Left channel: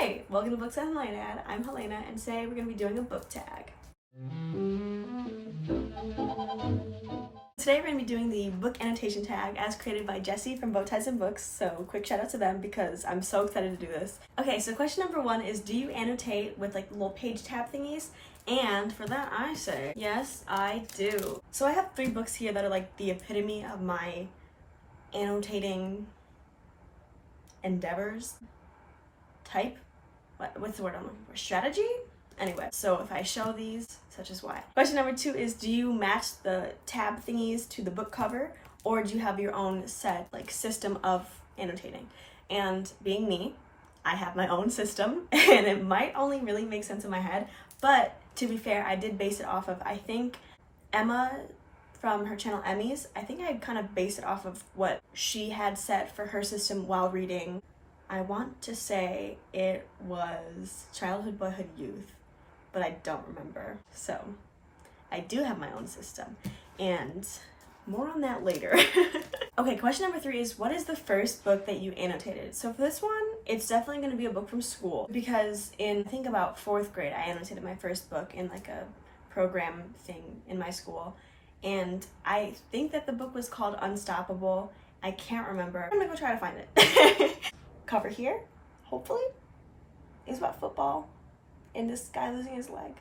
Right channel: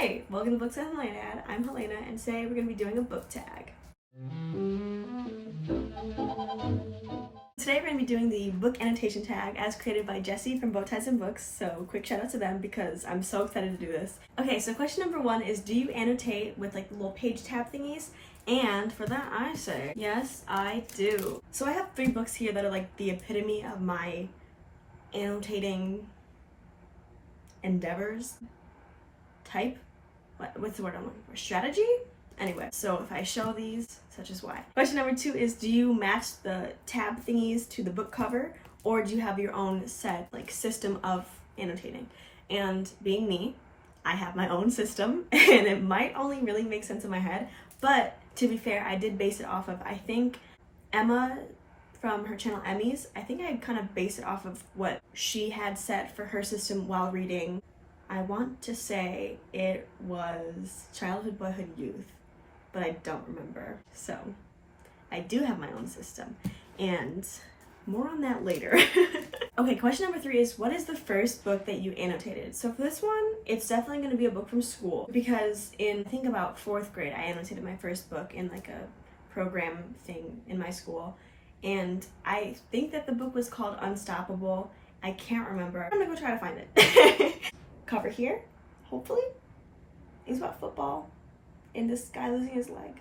Hi! Welcome to Books and Helena. I'm Helena, and today we're going to be doing a book tag. Today we're going to be doing the book annotation tag as created by Jessie from Bowties Books, so quick shout out to them because I'm so excited to do this. Okay, so question number 1 is, do you annotate with like little page tab thingies? And for that I say, yes, I do. So I have 3 books here that are like the epitome of my annotating endeavors. Type? What's the word I'm looking for? Strategy? Anyway, so if I show these, such as why. Question number 2 is, do you match the tab thingies to the book cover, or do you have your own set, like, system of annotating? And being me, I have my own system, and it might only really make sense in my head, but to be fair, I did base it off of, I think, Emma from her channel Emmy's. I think I kind of based it off of what she had set for her system while reading. I want to say it was Childhood, Boyhood, Youth, but I don't remember. So I do have my own system, and more on that later. Okay, question number 3 is, what is the first book that you annotated? So for this one, it's definitely going to be a book from school, because in, I think, about 4th grade, I annotated my first book in like a program thing in my school, and I think that the book was called Unstoppable. I can't remember. I'm gonna go try to find it. Cover here, hopefully, is about football and this guy losing his leg.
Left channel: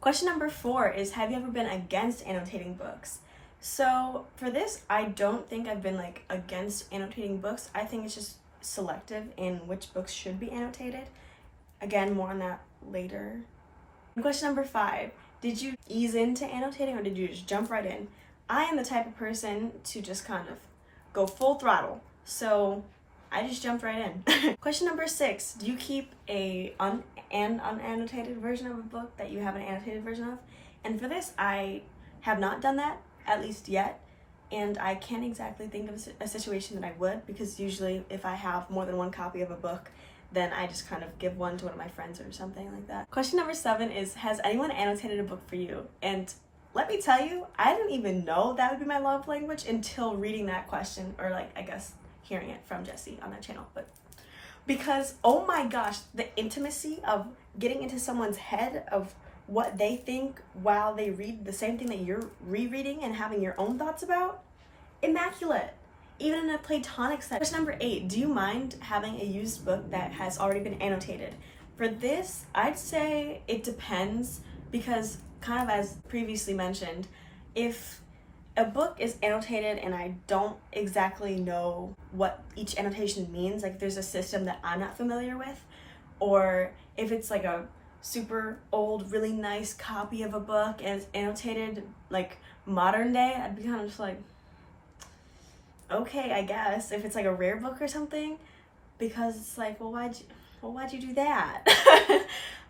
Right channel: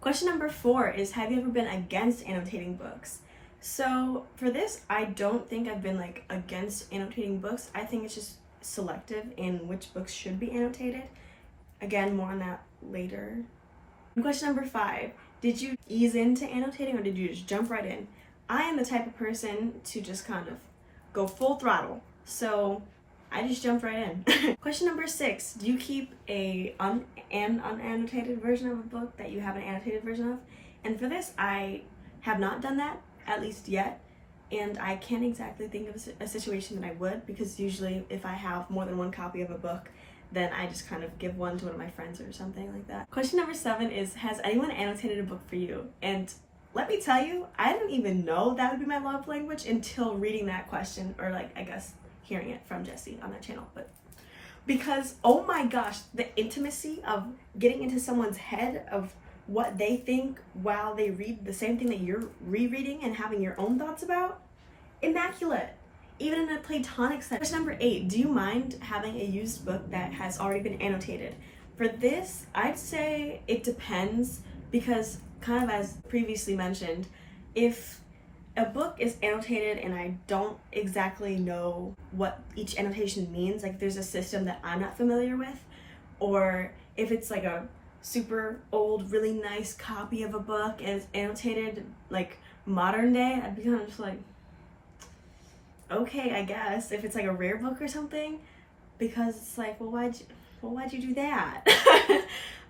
Question number 4 is, have you ever been against annotating books? So for this, I don't think I've been like against annotating books. I think it's just selective in which books should be annotated. Again, more on that later. Question number 5, did you ease into annotating or did you just jump right in? I am the type of person to just kind of go full throttle, so I just jumped right in. Question number 6, do you keep an unannotated version of a book that you have an annotated version of? And for this, I have not done that, at least yet, and I can't exactly think of a situation that I would, because usually if I have more than one copy of a book, then I just kind of give one to one of my friends or something like that. Question number 7 is, has anyone annotated a book for you? And let me tell you, I didn't even know that would be my love language until reading that question, or like, I guess, hearing it from Jessie on that channel. But because, oh my gosh, the intimacy of getting into someone's head of what they think while they read the same thing that you're rereading and having your own thoughts about, immaculate. Even in a platonic sense. Question number 8, do you mind having a used book that has already been annotated? For this, I'd say it depends, because kind of as previously mentioned, if a book is annotated and I don't exactly know what each annotation means, like there's a system that I'm not familiar with, or if it's like a super old, really nice copy of a book and it's annotated like modern day, I'd be kind of just like, okay, I guess, if it's like a rare book or something, because it's like, well, why'd you do that?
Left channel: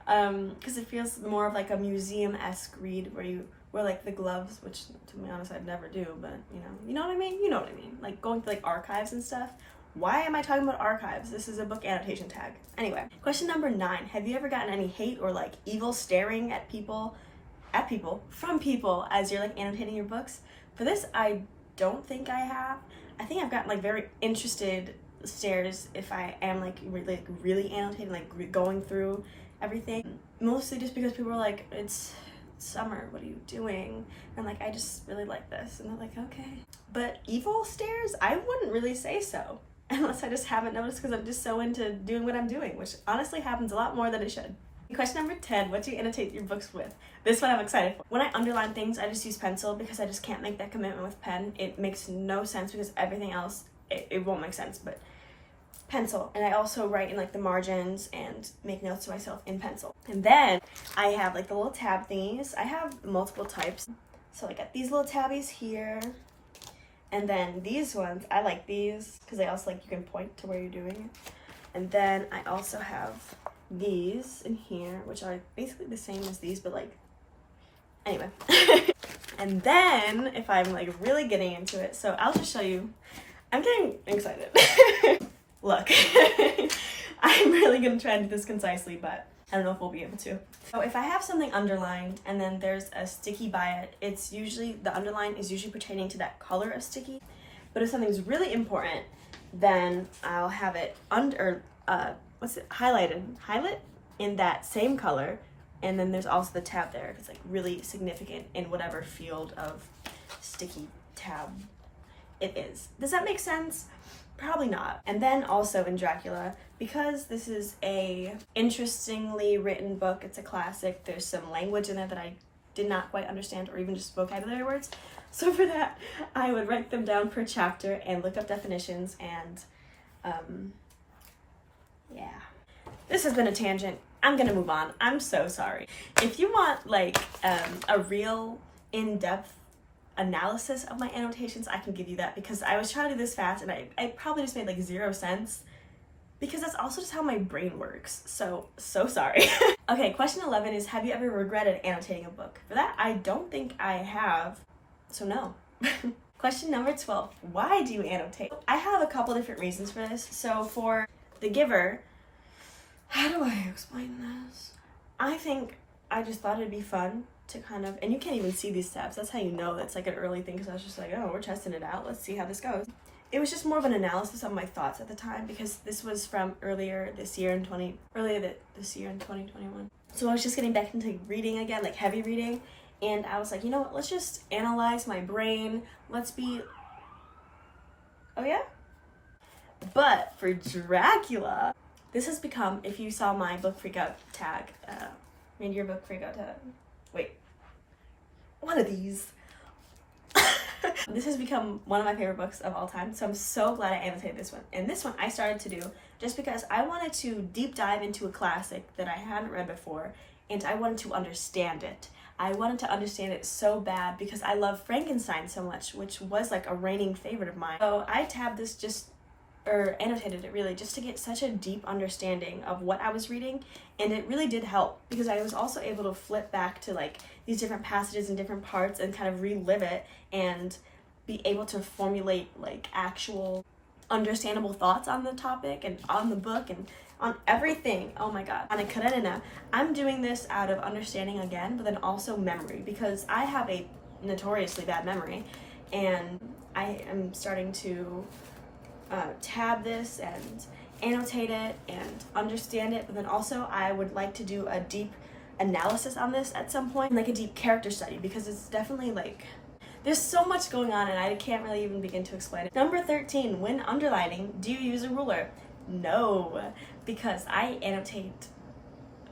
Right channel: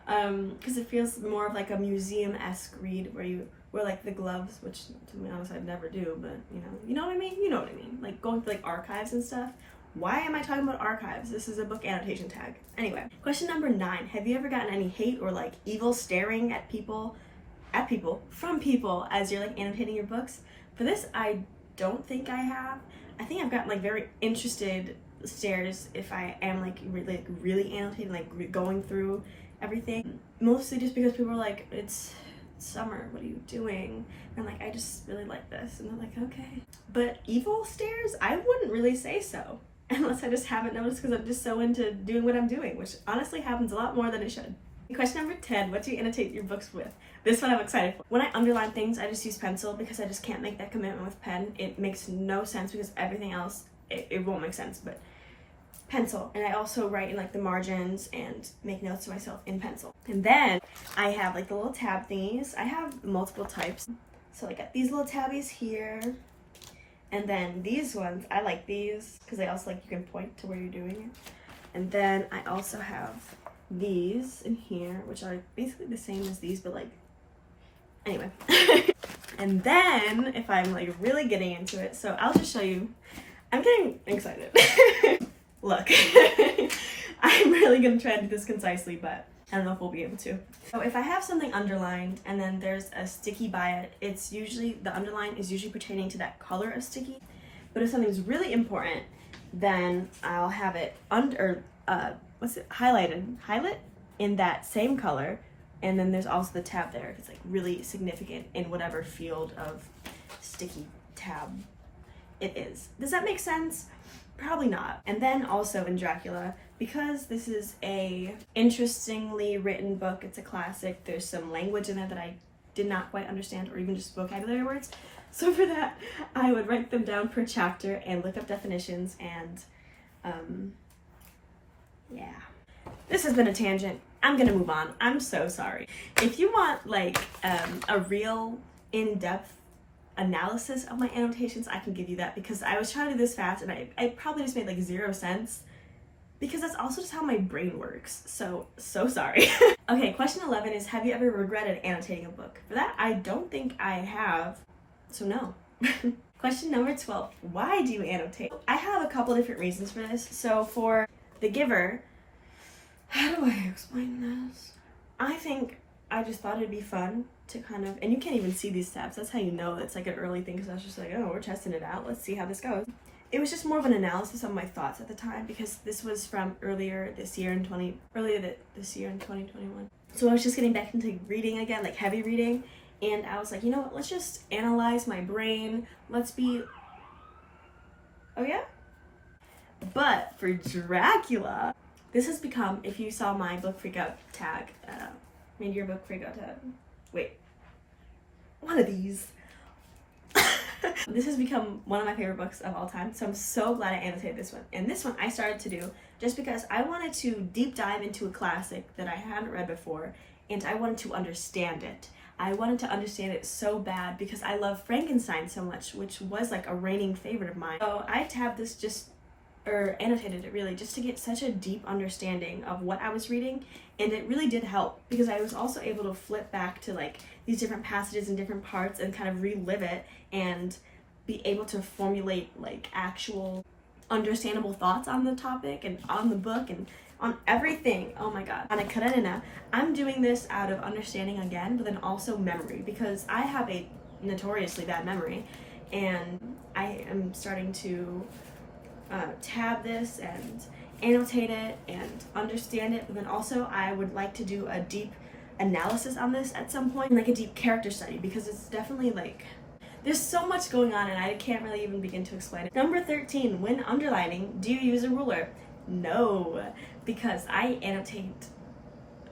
Because it feels more of like a museum-esque read where you wear like the gloves, which to be honest I'd never do, but you know what I mean? You know what I mean? Like going to like archives and stuff. Why am I talking about archives? This is a book annotation tag. Anyway, question number 9, have you ever gotten any hate or like evil staring at people from people as you're like annotating your books? For this, I don't think I have. I think I've gotten like very interested stares if I am like really annotating, like going through everything, mostly just because people are like, it's summer, what are you doing? And like, I just really like this, and I'm like, okay. But evil stares, I wouldn't really say so, unless I just haven't noticed because I'm just so into doing what I'm doing, which honestly happens a lot more than it should. Question number 10, what do you annotate your books with? This one I'm excited for. When I underline things, I just use pencil because I just can't make that commitment with pen. It makes no sense because everything else, it won't make sense, but pencil. And I also write in like the margins and make notes to myself in pencil. And then I have like the little tab thingies. I have multiple types. So I got these little tabbies here. And then these ones, I like these because they also like, you can point to where you're doing it. And then I also have these in here, which are basically the same as these, but like, anyway. And then if I'm like really getting into it, so I'll just show you. I'm getting excited. Look, I'm really gonna try to do this concisely, but I don't know if we'll be able to. So if I have something underlined and then there's a sticky by it, it's usually, the underline is usually pertaining to that color of sticky. But if something's really important, then I'll have it under, what's it, highlight in that same color. And then there's also the tab there. It's like really significant in whatever field of sticky tab it is. Does that make sense? Probably not. And then also in Dracula, because this is a interestingly written book, it's a classic, there's some language in there that I did not quite understand, or even just vocabulary words. So for that, I would write them down per chapter and look up definitions, and yeah. This has been a tangent. I'm gonna move on. I'm so sorry. If you want like a real in-depth analysis of my annotations, I can give you that, because I was trying to do this fast and I probably just made like 0 sense, because that's also just how my brain works. So sorry. Okay, question 11 is, have you ever regretted annotating a book? For that, I don't think I have, so no. Question number 12, why do you annotate? I have a couple different reasons for this. So for The Giver, how do I explain this? I think I just thought it'd be fun to kind of, and you can't even see these tabs, that's how you know it's like an early thing, because I was just like, oh, we're testing it out, let's see how this goes. It was just more of an analysis of my thoughts at the time, because this was from earlier this year in 2021. So I was just getting back into reading again, like heavy reading, and I was like, you know what, let's just analyze my brain, let's be, oh yeah? But for Dracula, this has become, if you saw my book freakout tag, made your book freakout tag, wait, one of these. This has become one of my favorite books of all time, so I'm so glad I annotated this one. And this one I started to do just because I wanted to deep dive into a classic that I hadn't read before, and I wanted to understand it. I wanted to understand it so bad because I love Frankenstein so much, which was like a reigning favorite of mine. So I tabbed this or annotated it really, just to get such a deep understanding of what I was reading, and it really did help, because I was also able to flip back to like these different passages and different parts and kind of relive it and be able to formulate like actual understandable thoughts on the topic and on the book and on everything. Oh my god. On Karenina, I'm doing this out of understanding again, but then also memory, because I have a notoriously bad memory, and I am starting to tab this and annotate it and understand it, but then also I would like to do a deep analysis on this at some point, like a deep character study, because it's definitely like, there's so much going on and I can't really even begin to explain it. Number 13, when underlining, do you use a ruler? No, because I annotate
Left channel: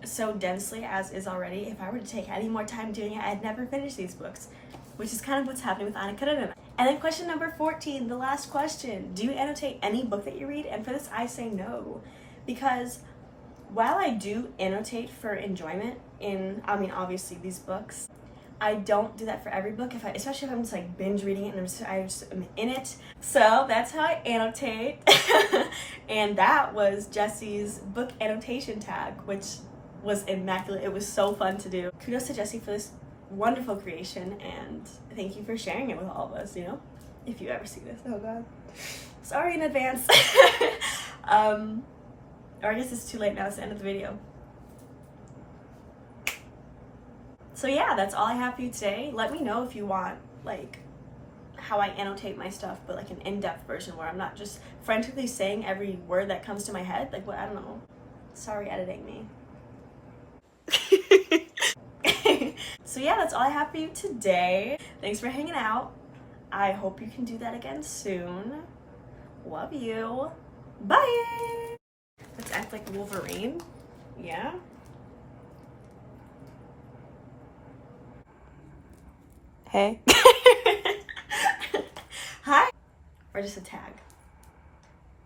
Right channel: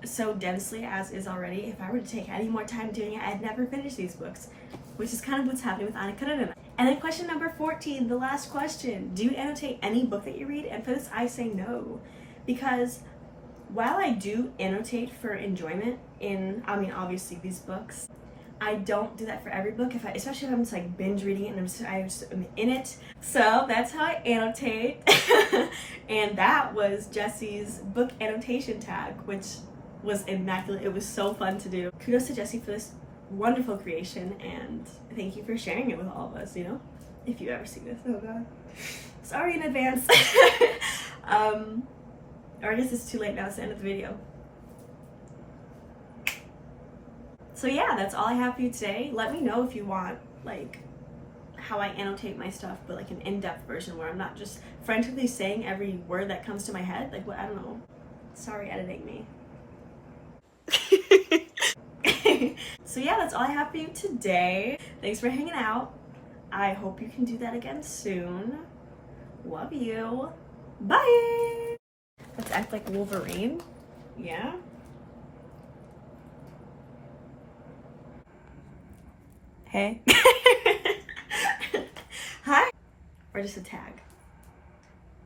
so densely as is already. If I were to take any more time doing it, I'd never finish these books, which is kind of what's happening with Karenina. And then question number 14, the last question, do you annotate any book that you read? And for this, I say no, because while I do annotate for enjoyment in, I mean, obviously these books, I don't do that for every book, especially if I'm just like binge reading it and I just am in it. So that's how I annotate. And that was Jesse's book annotation tag, which was immaculate. It was so fun to do. Kudos to Jesse for this wonderful creation, and thank you for sharing it with all of us, you know, if you ever see this. Oh god, sorry in advance. Or I guess it's too late now, it's the end of the video. So yeah, that's all I have for you today. Let me know if you want like how I annotate my stuff, but like an in-depth version where I'm not just frantically saying every word that comes to my head, like what, I don't know. Sorry, editing me. So yeah, that's all I have for you today. Thanks for hanging out. I hope you can do that again soon. Love you. Bye. Let's act like Wolverine. Yeah. Hey. Hi. Or just a tag.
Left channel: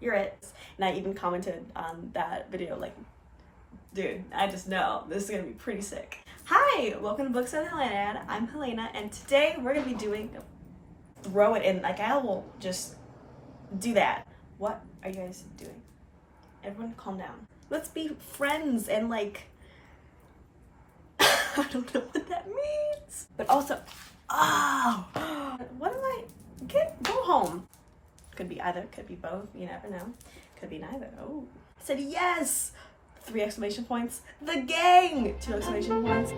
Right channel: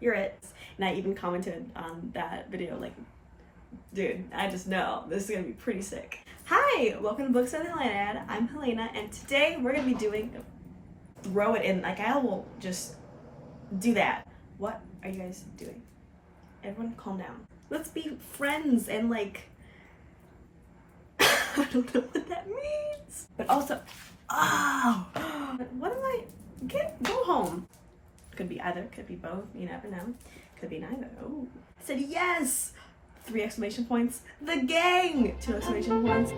You're it. And I even commented on that video like, dude, I just know this is gonna be pretty sick. Hi, welcome to Books on Helena. I'm Helena, and today we're gonna be doing, throw it in, like I will just do that. What are you guys doing? Everyone calm down. Let's be friends and like, I don't know what that means. But also, oh, what am I, go home. Could be either, could be both, you never know. Could be neither. Oh, I said yes. 3 exclamation points. The gang! 2 exclamation points.